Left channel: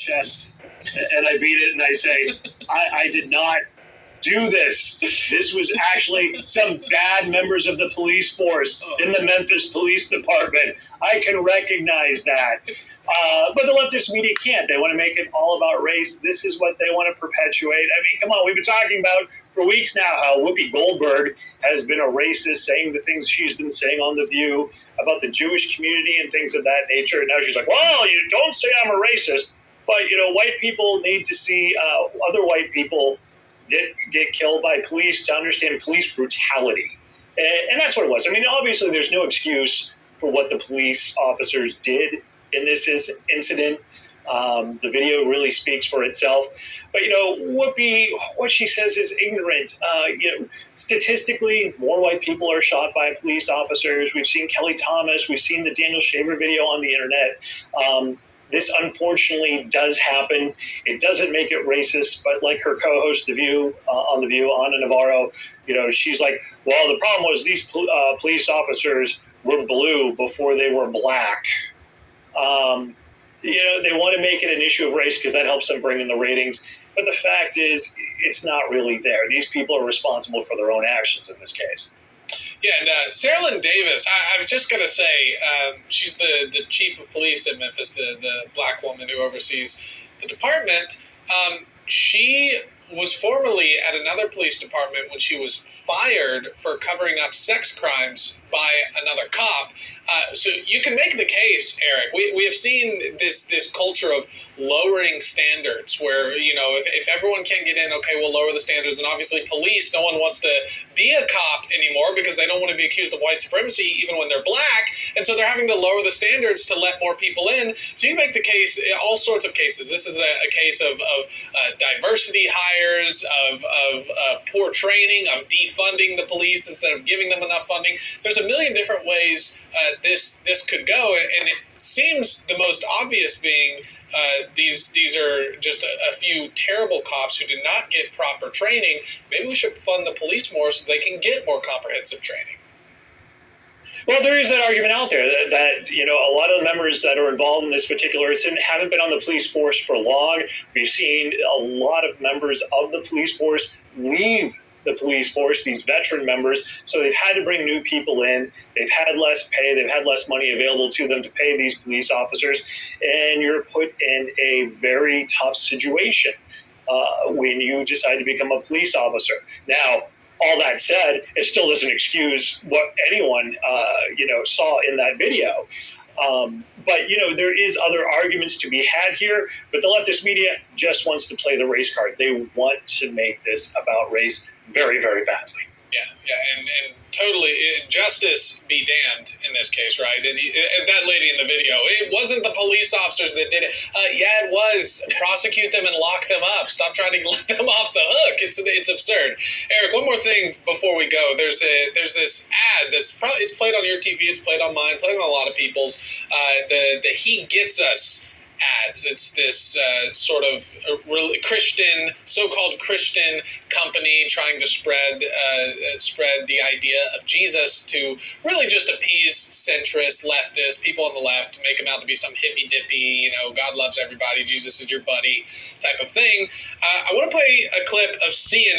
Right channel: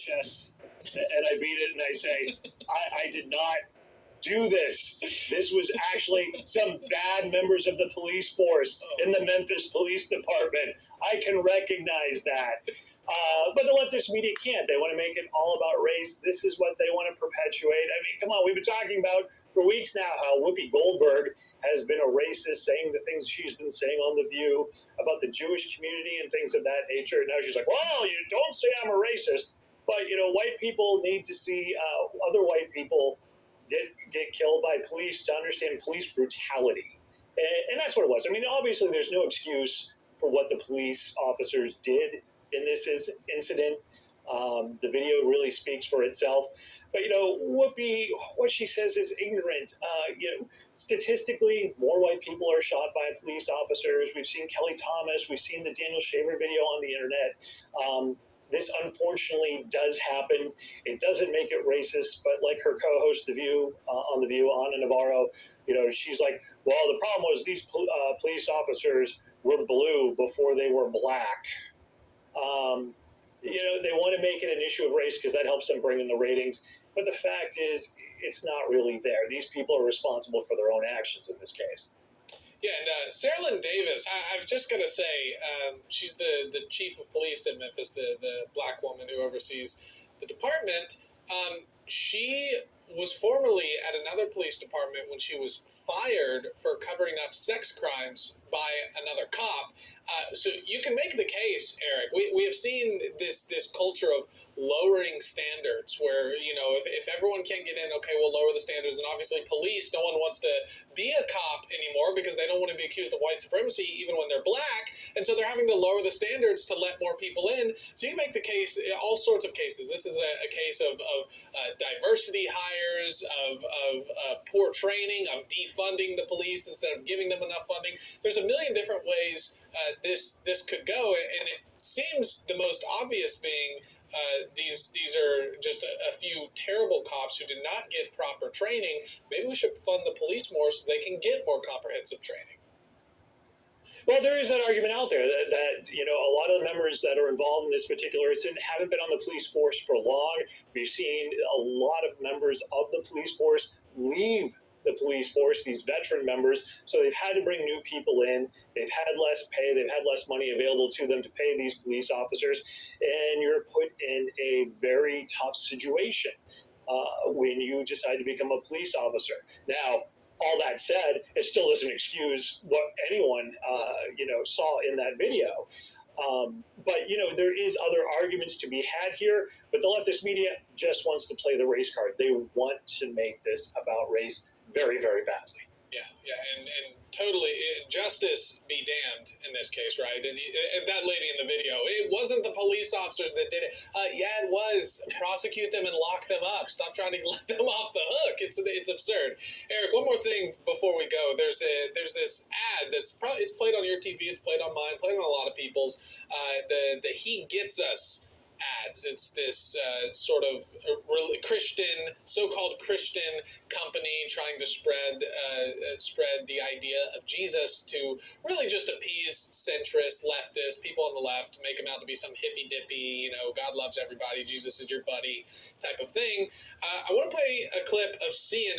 chest and I beat it and I say, I did not do this. This was actually some bad members of the police force in the Memphis Police Department. I can recognize that. But the leftist media can't. They want to make it all about race. This is what they want to perpetuate. I mean, come on, we've been talking about for weeks now how Whoopi Goldberg has been a racist, saying the things she's been saying on The View about the Jewish community and things of that nature. And now she's like, well, you don't say I'm a racist. But, white people need to see other white people get killed by police to understand police brutality. And that's what it was. I mean, obviously, there's no excuse for what the police officers did in this incident. The video really speaks for itself. But, Whoopi, what she says is ignorant. Statistically, more white people are shot by police officers. We've seen Kelly Thomas. We've seen the Daniel Shaver video on the internet. This unfortunately does happen. It doesn't make it racist, but like her co-host on The View, Ana Navarro, she's like, well, the problem was these police officers were blue before they were black. They want to make it an issue of race because that helps them bring in the ratings. But the fact is, it's not really there. These people are responsible for their own actions in this case. Yeah, and Sarah Lynn Davis, I was just going to say, she's the chief of police in Memphis, the black woman who oversees the department. She was formerly at another police department when she was fired for covering up sex crimes by another cop. So you can make the case, Eric. We have seen this culture of lowering standards where, if everyone can't get in, okay, we'll lower the standards. And obviously police, no one wants to be a cop anymore because they don't want to be accused of white supremacy even when they're black. And so they're having to lower the standards to let more people in. So you make the case, all sorts of cases. This is a case of diversity hires, of poor training, of defunding the police instead of giving them enough funding. There's a million different ways this could go, and it seems the most obvious being these are just a few terrible cops who did not get proper training. Maybe we should fund the police more so they can get more comprehensive training. Well, there is that argument out there that a lot of the members that are involved in this particular incident haven't been on the police force for long. We've seen a lot of members of the police force leave the police force, these veteran members, so they've had to bring new people in. They've had less pay. They've had less money available to them to pay these police officers, and you're put in a very tough situation when you decide to become a police officer. Now, all that said, it still doesn't excuse what anyone, saw in that video. But, there is other arguments to be had here, but the leftist media just wants to play the race card. They want to make this about race very, very badly. Yeah, and totally, justice be damned in this case, right? And that lady in the video, it wasn't the police officers that did it. Yeah, it was. Prosecute them and lock them up. Stop trying to let them off the hook. It's absurd. Eric, one more thing before we go. There's this ad that's probably, it's played on your TV, it's played on mine, played on a lot of people's. The He Gets Us ads. It's this sort of Christian, so-called Christian company trying to spread the idea of Jesus to really just appease centrists, leftists, people on the left, make them out to be some hippy-dippy, God loves everybody, Jesus is your buddy type of thing. I want to play a clip of CNN